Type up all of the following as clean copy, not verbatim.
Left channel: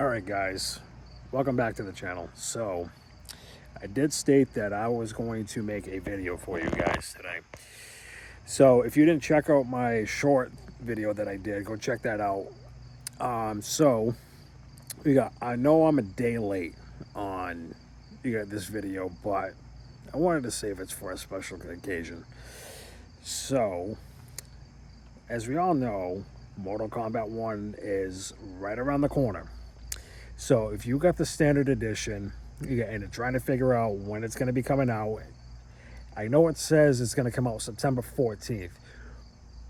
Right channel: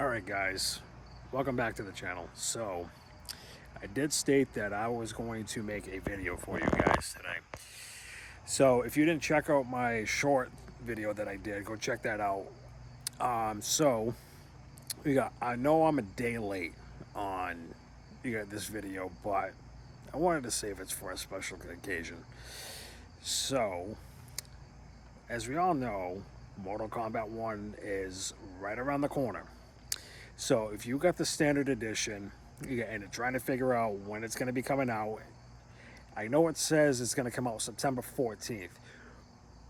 Alright guys, welcome back to the channel. So, I did state that I was going to make a video for you guys today. So, if you didn't check out my short video that I did, go check that out. I know I'm a day late on this video, but I wanted to save it for a special occasion. So, as we all know, Mortal Kombat 1 is right around the corner. So if you got the standard edition and you're trying to figure out when it's going to be coming out, I know it says it's going to come out September 14th,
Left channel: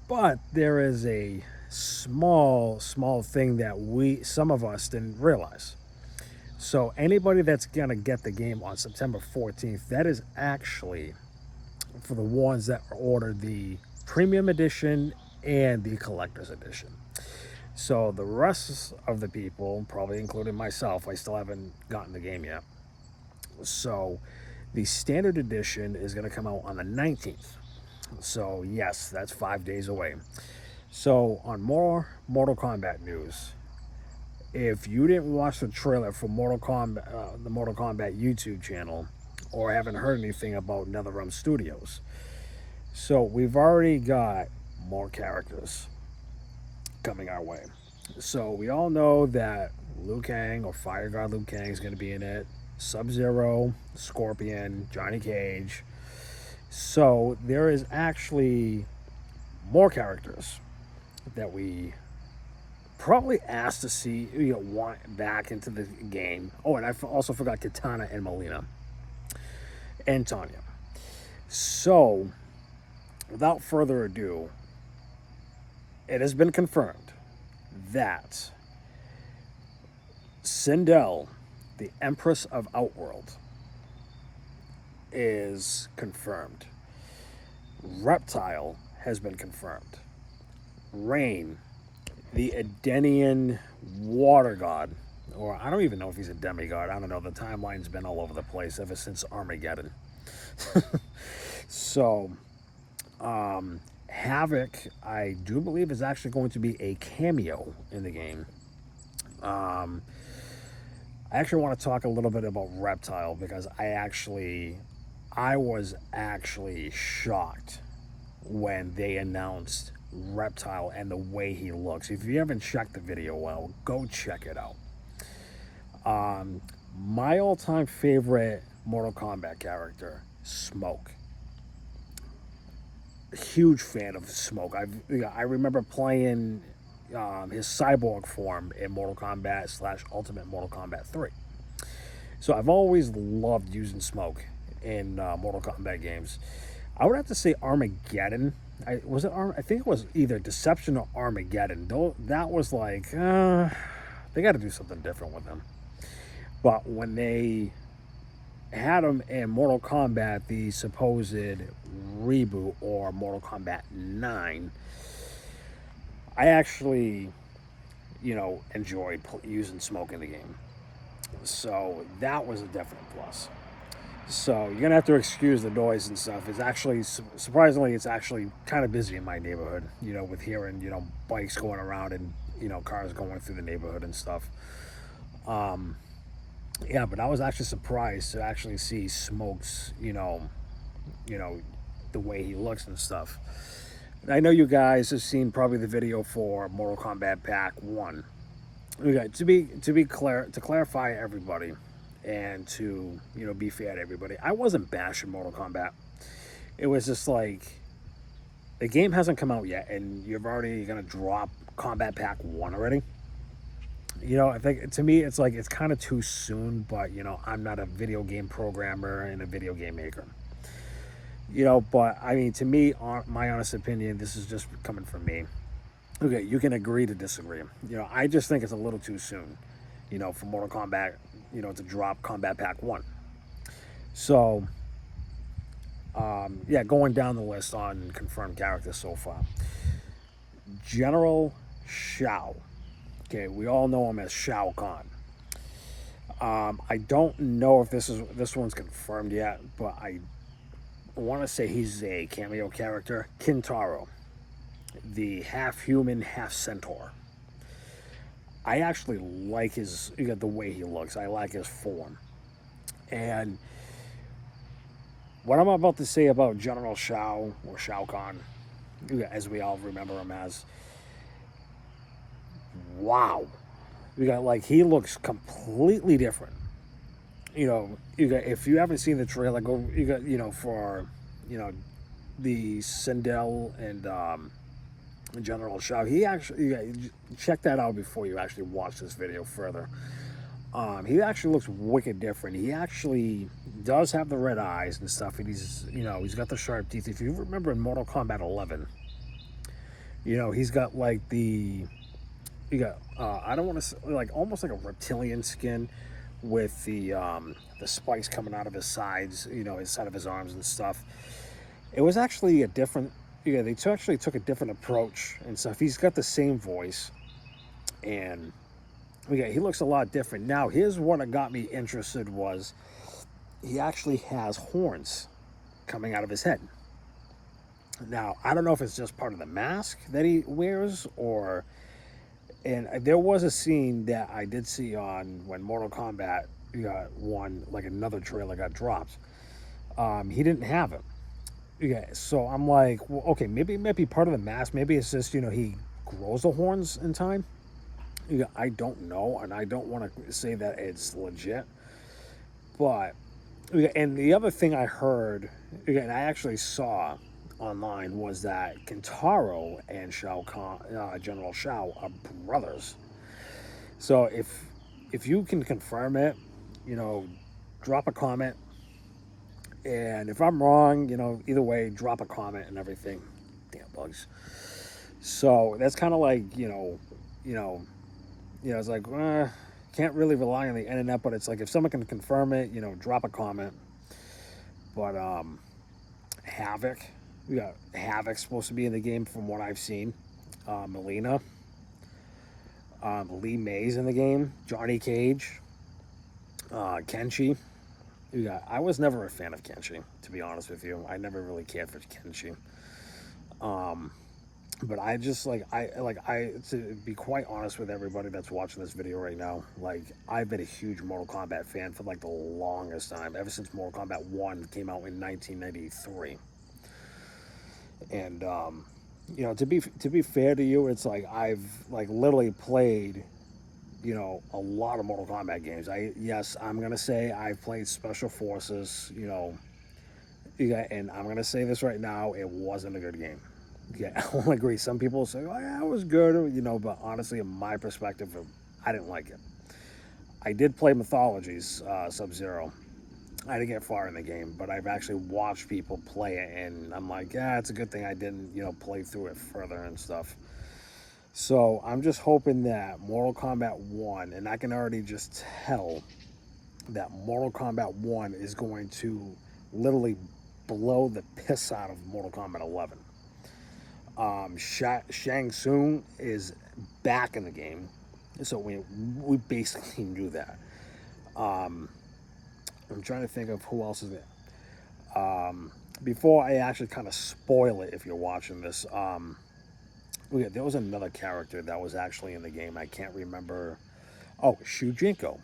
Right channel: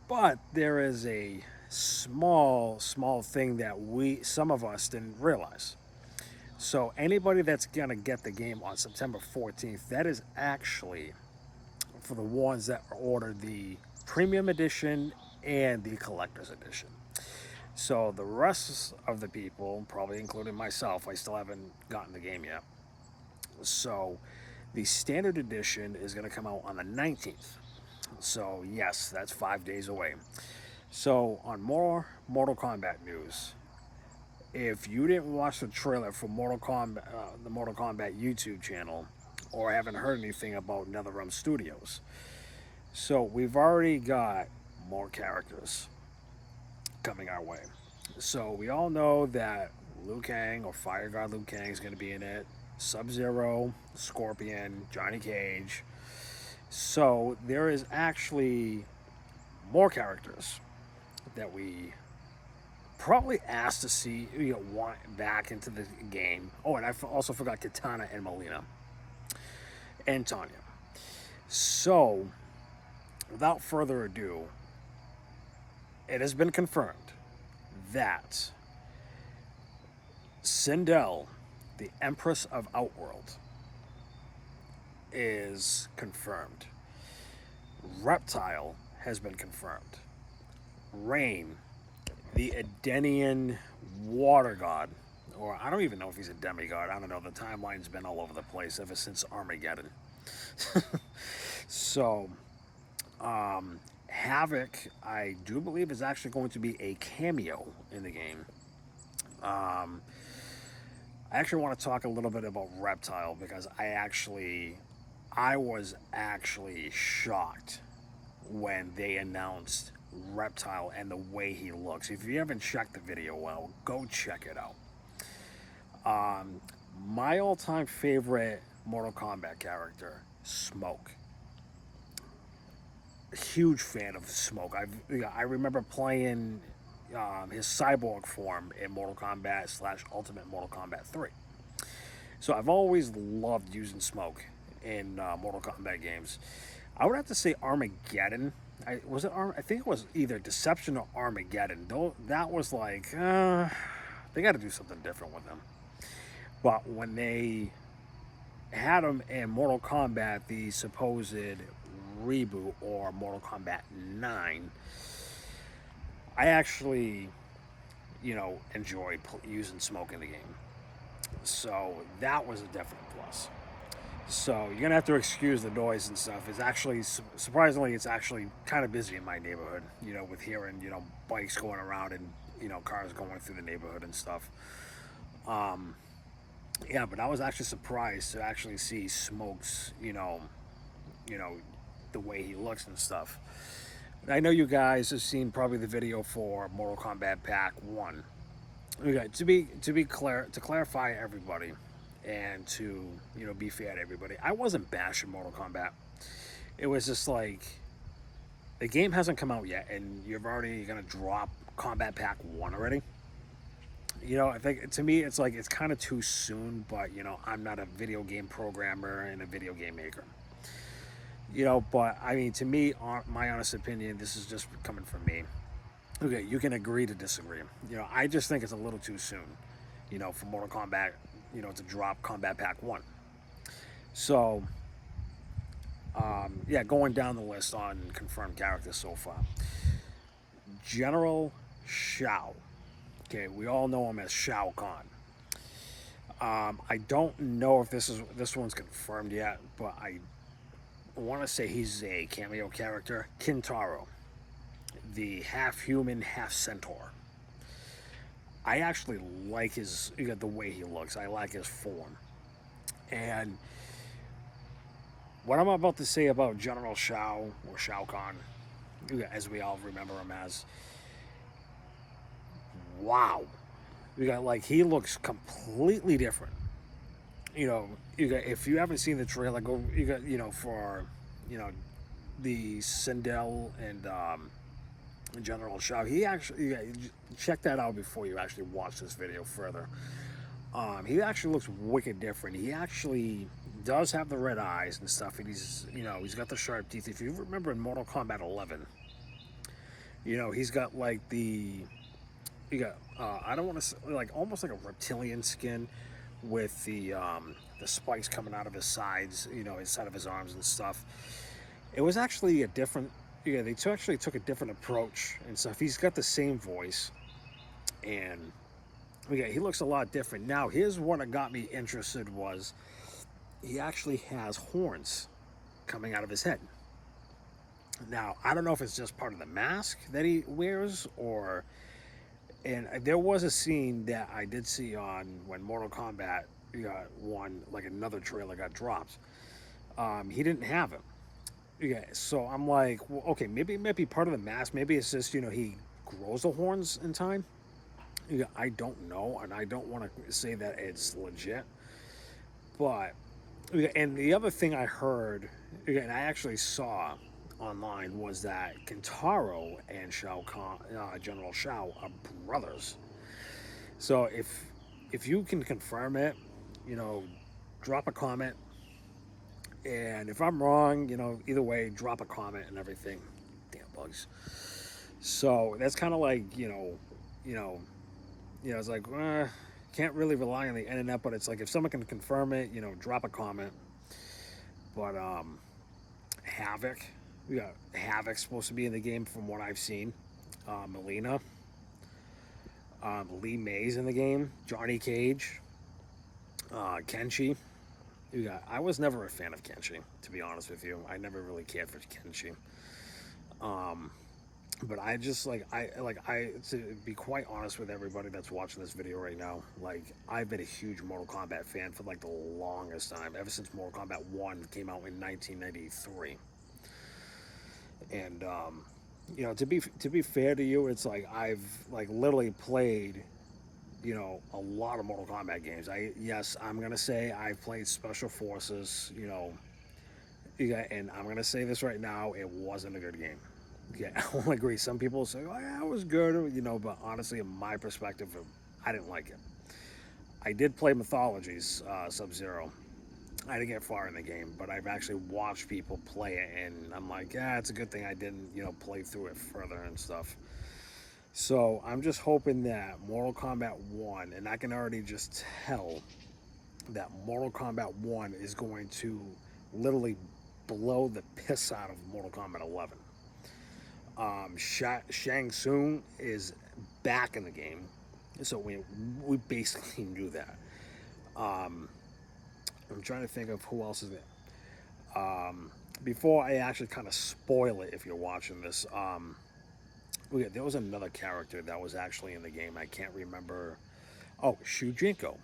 but there is a small thing that some of us didn't realize. So anybody that's going to get the game on September 14th, that is actually for the ones that ordered the premium edition and the collector's edition. So the rest of the people, probably including myself, I still haven't gotten the game yet. So the standard edition is going to come out on the 19th. So yes, that's 5 days away. So on more Mortal Kombat news, if you didn't watch the trailer for Mortal Kombat, the Mortal Kombat YouTube channel, or haven't heard anything about NetherRealm Studios, so we've already got more characters coming our way. So we all know that Liu Kang, or Fire God Liu Kang, is going to be in it. Sub-Zero, Scorpion, Johnny Cage. So there is actually more characters that we probably asked to see, want back into the game. Oh, and I also forgot Katana and Melina and Tanya. So without further ado, it has been confirmed that Sindel, the Empress of Outworld, is confirmed. Reptile has been confirmed. Rain, the Edenian water god, or I don't even know if he's a demigod. I don't know. The timeline's been all over the place ever since Armageddon. So, Havoc, I do believe, is actually going to be a cameo in the game. I actually want to talk a little bit about Reptile because I was actually shocked when they announced Reptile and the way he looks. If you haven't checked the video out, go check it out. My all-time favorite Mortal Kombat character, Smoke. Huge fan of Smoke. I remember playing his cyborg form in Mortal Kombat / Ultimate Mortal Kombat 3. So I've always loved using Smoke in Mortal Kombat games. I would have to say Armageddon. I think it was either Deception or Armageddon. Though that was like, they got to do something different with him. But when they had him in Mortal Kombat, the supposed reboot, or Mortal Kombat 9, I actually, enjoyed using Smoke in the game. So that was a definite plus. So you're gonna have to excuse the noise and stuff. It's actually, surprisingly, it's actually kind of busy in my neighborhood, with hearing, bikes going around and, cars going through the neighborhood and stuff. Yeah, but I was actually surprised to actually see Smoke's, the way he looks and stuff. I know you guys have seen probably the video for Mortal Kombat Pack 1. Okay, to clarify everybody, and to be fair to everybody, I wasn't bashing Mortal Kombat. It was just like, the game hasn't come out yet, and you're already gonna drop Combat Pack 1 already. I think, to me, it's like, it's kind of too soon, but, I'm not a video game programmer and a video game maker. But, I mean, to me, my honest opinion, this is just coming from me. Okay, you can agree to disagree. I just think it's a little too soon, for Mortal Kombat, to drop Combat Pack 1. So, yeah, going down the list on confirmed characters so far. General Shao. Okay, we all know him as Shao Kahn. I don't know if this one's confirmed yet, but I want to say he's a cameo character. Kintaro, the half human, half centaur. I actually like the way he looks. I like his form. And what I'm about to say about General Shao or Shao Kahn, as we all remember him as, wow. We got like he looks completely different. You got if you haven't seen the trailer, go you got for you know the Sindel and General Shao. He actually check that out before you actually watch this video further. He actually looks wicked different. He actually does have the red eyes and stuff, and he's got the sharp teeth. If you remember in Mortal Kombat 11, he's got like you got I don't want to say, like almost like a reptilian skin with the spikes coming out of his sides, inside of his arms and stuff. It was actually a different. Yeah, they actually took a different approach and stuff. He's got the same voice, and he looks a lot different. Now, here's what got me interested was he actually has horns coming out of his head. Now, I don't know if it's just part of the mask that he wears and there was a scene that I did see on when Mortal Kombat got one, like another trailer got dropped. He didn't have it. Yeah, so I'm like, well, okay, maybe it might be part of the mask. Maybe it's just, he grows the horns in time. Yeah, I don't know, and I don't want to say that it's legit. But, and the other thing I heard, and I actually saw online, was that Kentaro and Shao Kahn, General Shao, are brothers. So if you can confirm it, drop a comment. And if I'm wrong, either way, drop a comment and everything. Damn bugs. So that's kind of like, it's like, can't really rely on the internet, but it's like if someone can confirm it, drop a comment. But Havoc, we got Havoc supposed to be in the game from what I've seen. Melina, Lee Mays in the game, Johnny Cage, Kenshi. I was never a fan of Kenshi, to be honest with you. I never really cared for Kenshi. But I just to be quite honest with everybody that's watching this video right now, like I've been a huge Mortal Kombat fan for like the longest time, ever since Mortal Kombat 1 came out in 1993. And to be fair to you, it's like I've like literally played a lot of Mortal Kombat games. I'm gonna say I've played Special Forces, and I'm gonna say this right now, it wasn't a good game. Yeah, I will agree. Some people say, "Oh, yeah, it was good," but honestly, in my perspective, I didn't like it. I did play Mythologies, Sub-Zero. I didn't get far in the game, but I've actually watched people play it, and I'm like, yeah, it's a good thing I didn't, play through it further and stuff. So I'm just hoping that Mortal Kombat 1, and I can already just tell that Mortal Kombat 1 is going to literally blow the piss out of Mortal Kombat 11. Shang Tsung is back in the game, so we basically knew that. I'm trying to think of who else is there. Before I actually kind of spoil it, if you're watching this, there was another character that was actually in the game. I can't remember. Oh, Shujinko.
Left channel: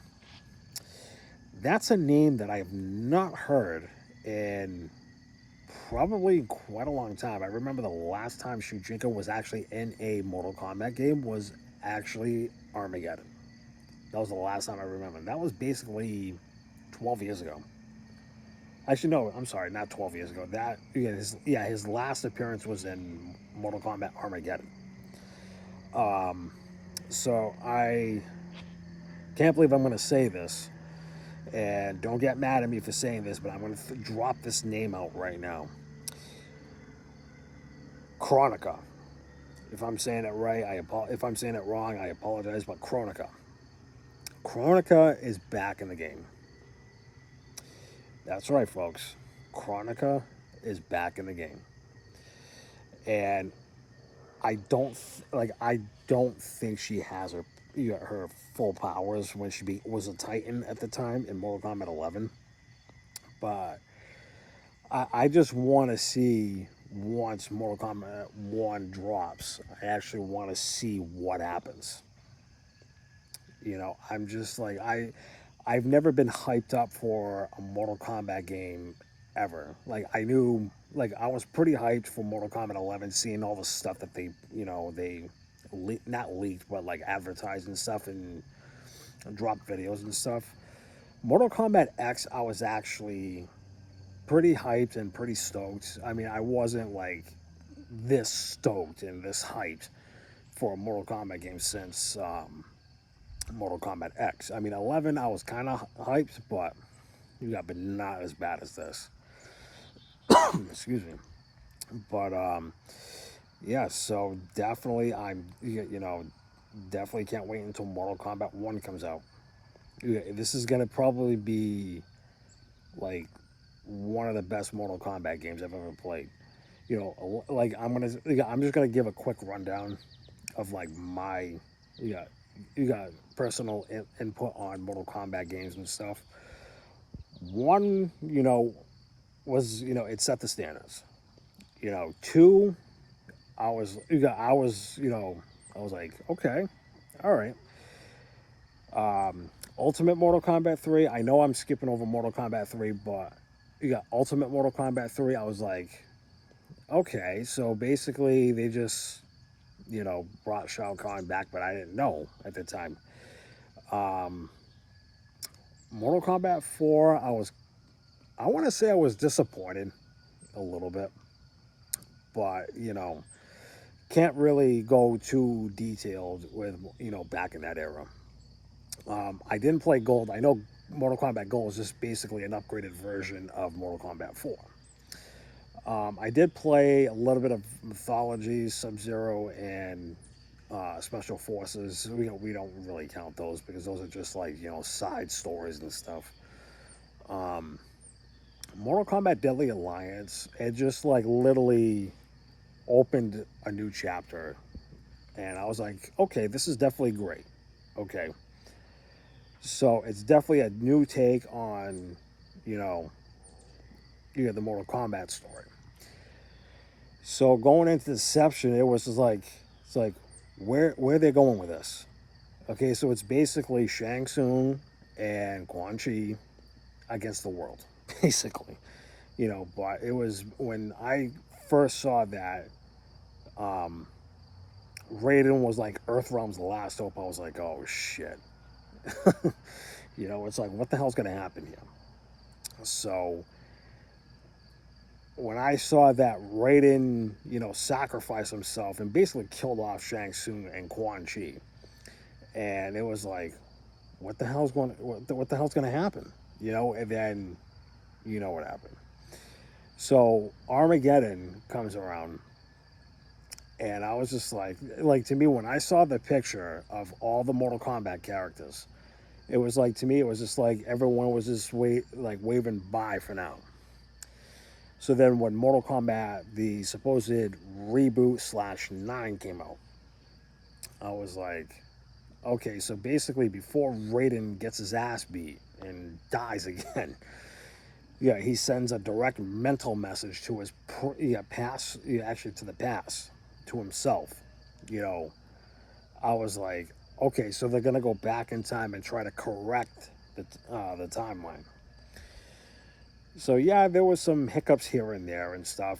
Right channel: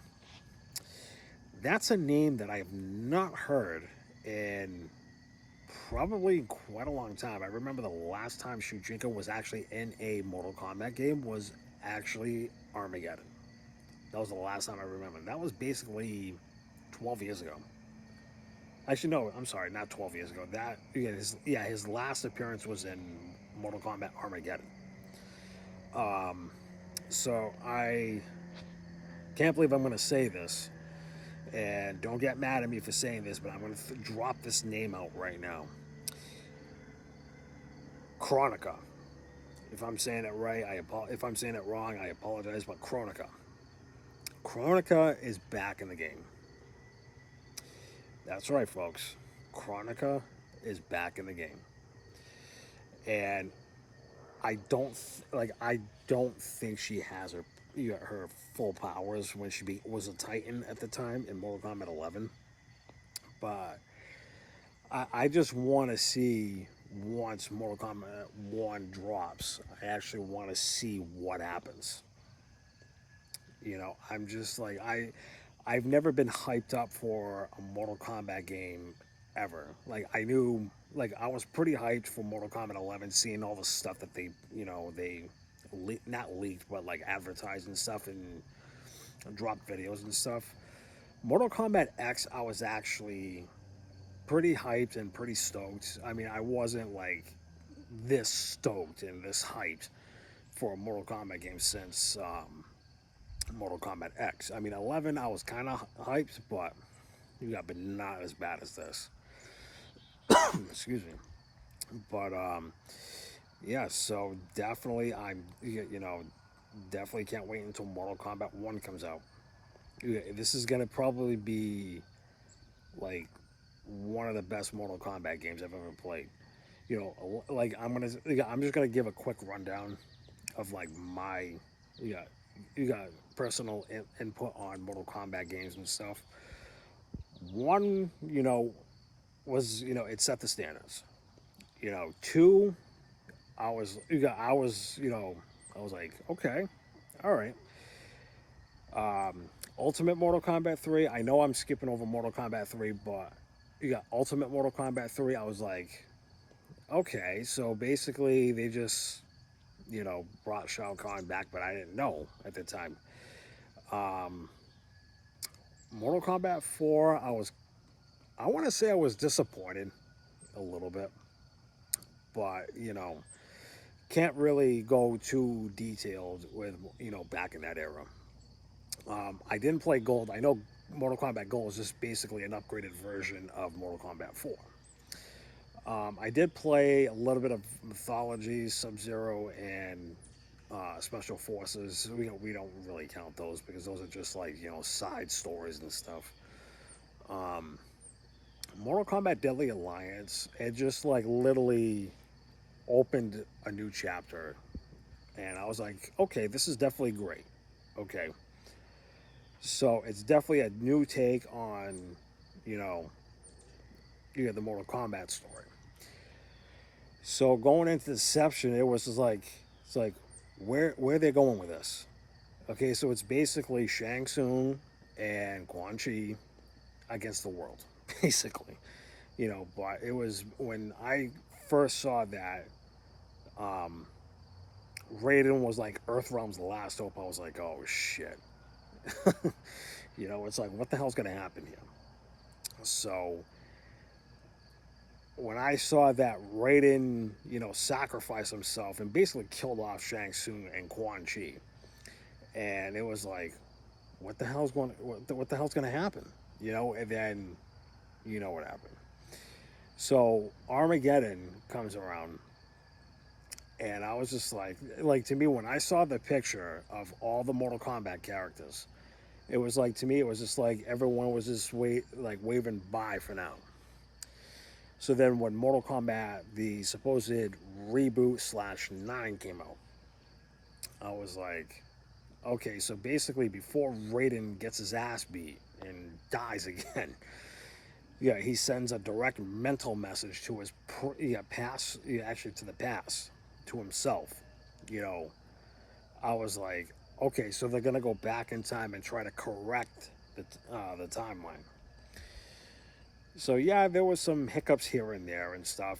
That's a name that I have not heard in probably quite a long time. I remember the last time Shujinko was actually in a Mortal Kombat game was actually Armageddon. That was the last time I remember. That was basically 12 years ago. Actually, no, I'm sorry, not 12 years ago. His last appearance was in Mortal Kombat Armageddon. So I can't believe I'm going to say this, and don't get mad at me for saying this, but I'm going to drop this name out right now. Kronika. If I'm saying it right, if I'm saying it wrong, I apologize, but Kronika. Kronika is back in the game. That's right, folks. Kronika is back in the game. And I don't think she has her full powers when she was a Titan at the time in Mortal Kombat 11. But I just want to see, once Mortal Kombat 1 drops, I actually want to see what happens. I'm just like I've never been hyped up for a Mortal Kombat game ever. Like I knew, like I was pretty hyped for Mortal Kombat 11, seeing all the stuff that they not leaked, but like advertised and stuff and dropped videos and stuff. Mortal Kombat X, I was actually pretty hyped and pretty stoked. I mean, I wasn't like this stoked and this hyped for a Mortal Kombat game since Mortal Kombat X. I mean, 11, I was kind of hyped, but not as bad as this. Excuse me. But yeah, so definitely, definitely can't wait until Mortal Kombat 1 comes out. Yeah, this is gonna probably be like one of the best Mortal Kombat games I've ever played. Like I'm just gonna give a quick rundown of like my you got you got personal input on Mortal Kombat games and stuff. One, was it set the standards. Two, I was like, okay, all right. Ultimate Mortal Kombat 3. I know I'm skipping over Mortal Kombat 3, but you got Ultimate Mortal Kombat 3. I was like, okay, so basically they just brought Shao Kahn back, but I didn't know at the time. Um, Mortal Kombat 4, I want to say I was disappointed a little bit, but can't really go too detailed with back in that era. I didn't play Gold. I know Mortal Kombat Gold is just basically an upgraded version of Mortal Kombat 4. I did play a little bit of Mythology, Sub Zero, and Special Forces. We don't really count those because those are just like side stories and stuff. Um, Mortal Kombat Deadly Alliance, it just like literally opened a new chapter, and I was like, okay, this is definitely great. Okay, so it's definitely a new take on you know the Mortal Kombat story. So going into Deception, it was just like it's like where they're going with this. Okay, so it's basically Shang Tsung and Quan Chi against the world, basically. But it was when I first saw that um, Raiden was like Earthrealm's last hope. I was like, oh shit. It's like what the hell's gonna happen here? So when I saw that Raiden, sacrifice himself and basically killed off Shang Tsung and Quan Chi, and it was like, what the hell's going to happen? And then what happened. So Armageddon comes around, and I was just like to me when I saw the picture of all the Mortal Kombat characters, it was like to me it was just like everyone was just waving bye for now. So then when Mortal Kombat, the supposed reboot /9 came out, I was like, okay, so basically before Raiden gets his ass beat and dies again, yeah, he sends a direct mental message to his past, actually to the past, to himself. You know, I was like, okay, so they're gonna go back in time and try to correct the timeline. So yeah, there was some hiccups here and there and stuff.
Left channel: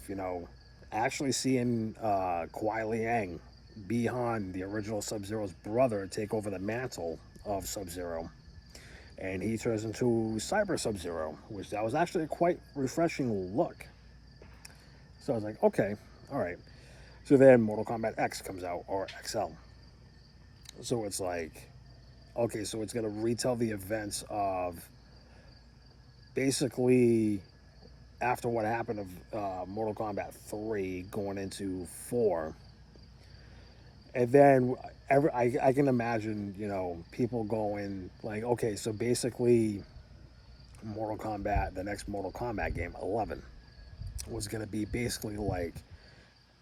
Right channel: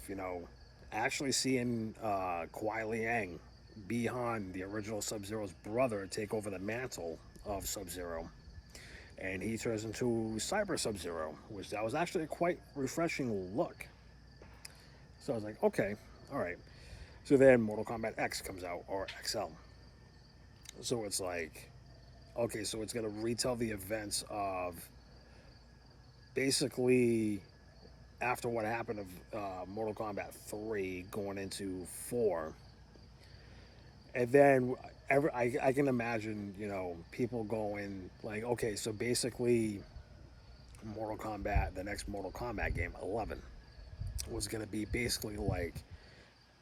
Actually seeing Kuai Liang, Bi-Han, the original Sub-Zero's brother, take over the mantle of Sub-Zero, and he turns into Cyber Sub-Zero, which that was actually a quite refreshing look. So I was like, okay, all right. So then Mortal Kombat X comes out, or XL. So it's like, okay, so it's gonna retell the events of basically after what happened of Mortal Kombat 3 going into 4. And then I can imagine, people going like, okay, so basically Mortal Kombat, the next Mortal Kombat game, 11, was going to be basically like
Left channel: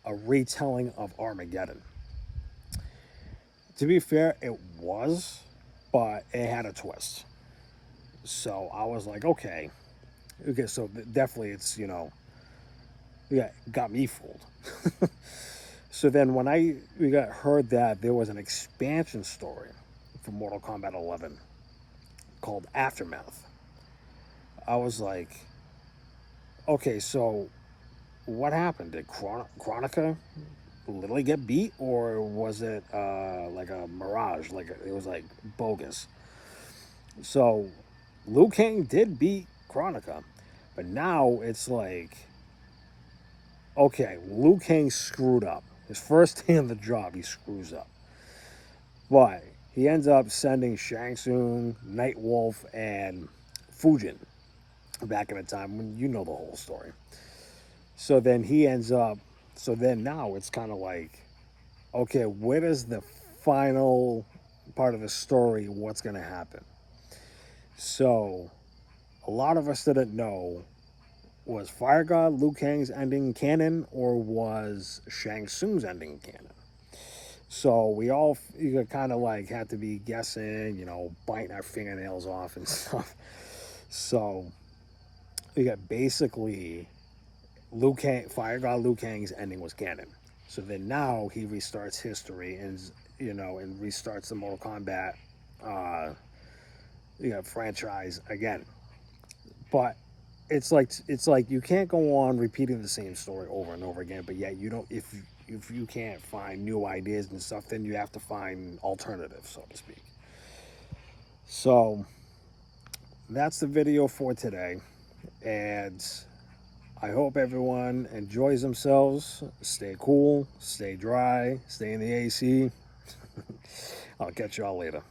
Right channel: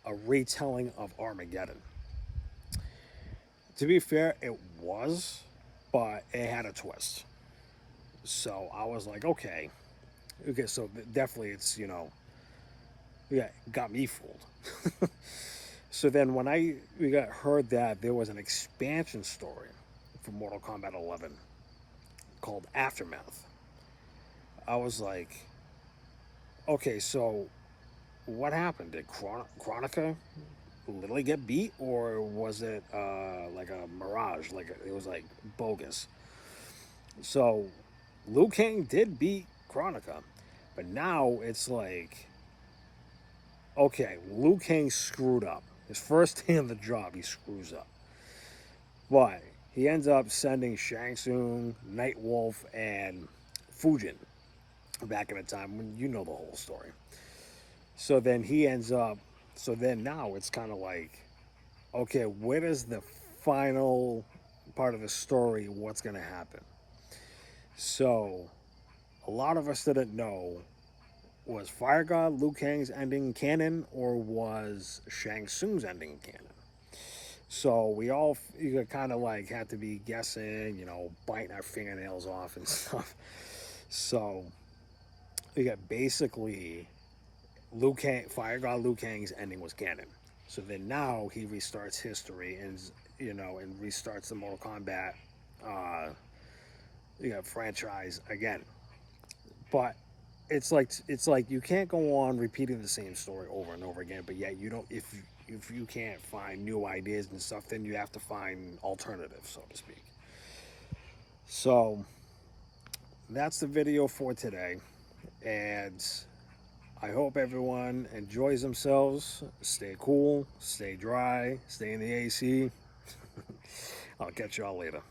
a retelling of Armageddon. To be fair, it was, but it had a twist. So I was like, okay, so definitely it's, yeah, got me fooled. So then when we got heard that there was an expansion story for Mortal Kombat 11 called Aftermath. I was like, okay, so what happened? Did Chronica literally get beat, or was it like a mirage? Like it was like bogus. So Liu Kang did beat Chronica, but now it's like, okay, Liu Kang screwed up. His first day on the job, he screws up. But he ends up sending Shang Tsung, Nightwolf, and Fujin back in the time when you know the whole story. So then he ends up, so then now it's kind of like, okay, what is the final part of the story? What's going to happen? So a lot of us didn't know, was Fire God Liu Kang's ending canon, or was Shang Tsung's ending canon? So we all, you kind of like had to be guessing, biting our fingernails off and stuff. So you got basically Liu Kang, Fire God Liu Kang's ending was canon. So then now he restarts history and and restarts the Mortal Kombat uh, franchise again. But it's like you can't go on repeating the same story over and over again. But yet you don't, if you can't find new ideas and stuff, then you have to find alternatives, so to speak. So that's the video for today, and I hope everyone enjoys themselves. Stay cool, stay dry, stay in the AC. I'll catch y'all later.